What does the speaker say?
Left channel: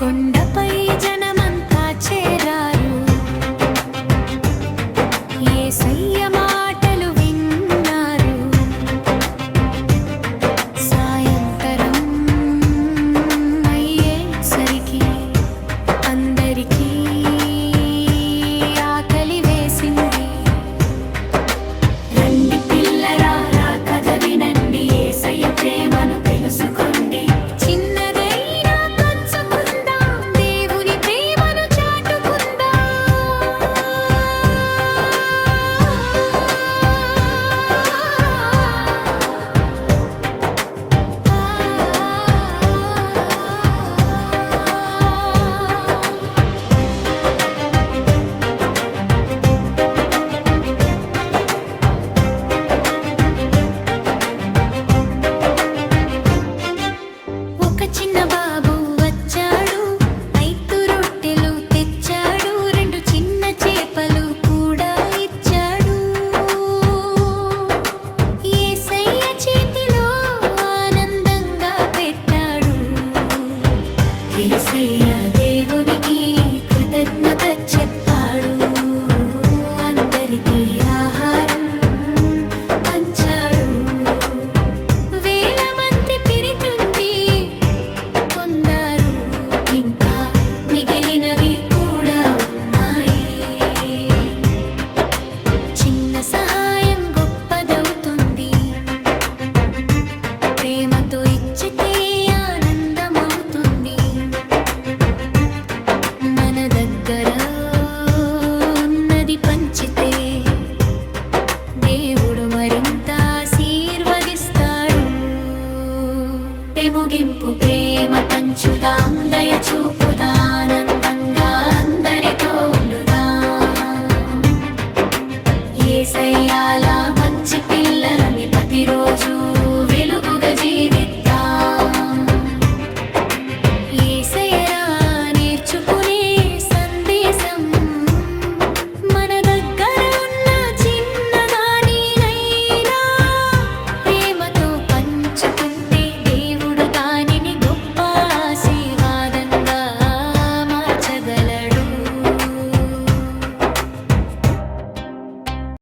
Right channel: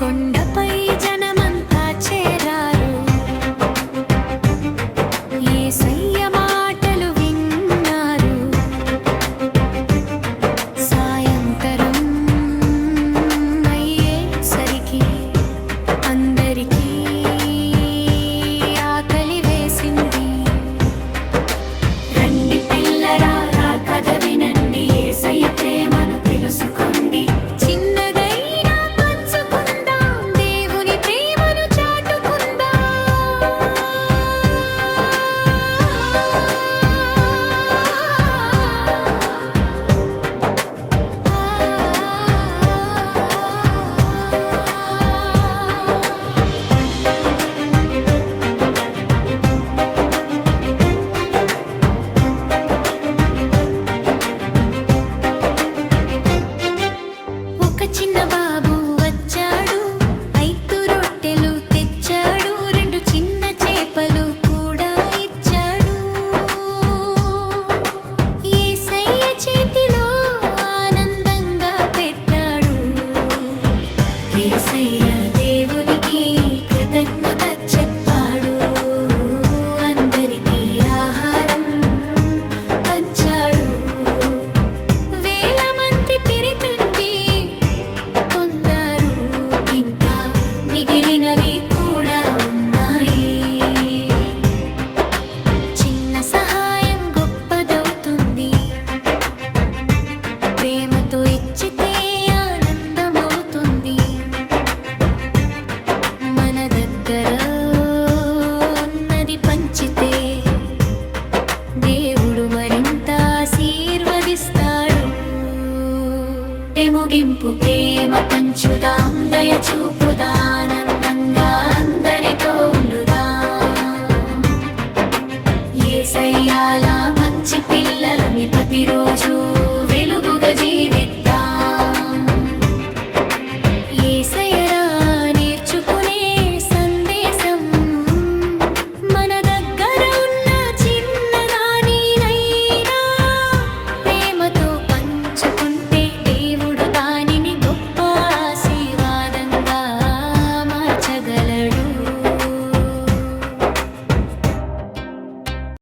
కొండపై జనమంతా చేరారు, యేసయ్య మాటలు విన్నారు. సాయంత్రం అయ్యేసరికి అందరికీ ఆకలి వేసింది. రండి పిల్లలారా, కథ వినండి, యేసయ్య ప్రేమను తెలుసుకోండి. చిన్నదైనా పంచుకుందాం, దేవుని ప్రేమను చాటుకుందాం. ఒక చిన్న బాబు వచ్చాడు, 5 రొట్టెలు తెచ్చాడు, 2 చిన్న చేపలు కూడా ఇచ్చాడు. యేసయ్య చేతిలో ఆనందంగా పెట్టాడు. యేసయ్య దేవునికి కృతజ్ఞత చెప్పాడు. అందరికీ ఆహారం పంచాడు. వేల మంది పిరితుండి కొందరు, ఇంకా మిగిలినవి కూడా ఉన్నాయి. చిన్న సహాయం గొప్పదవుతుంది, ప్రేమతో ఇచ్చితే ఆనందమవుతుంది. మన దగ్గర ఉన్నది పంచితే దేవుడు మరింత ఆశీర్వదిస్తాడు. ముగింపు ప్రేమ పంచుదాం, దయ చూపుదాం, ఆనందంగా అందరితో ఉండుదాం. యేసయ్యలా మంచి పిల్లలని ప్రతిరోజు వెలుగుగా జీవిద్దాం. యేసయ్య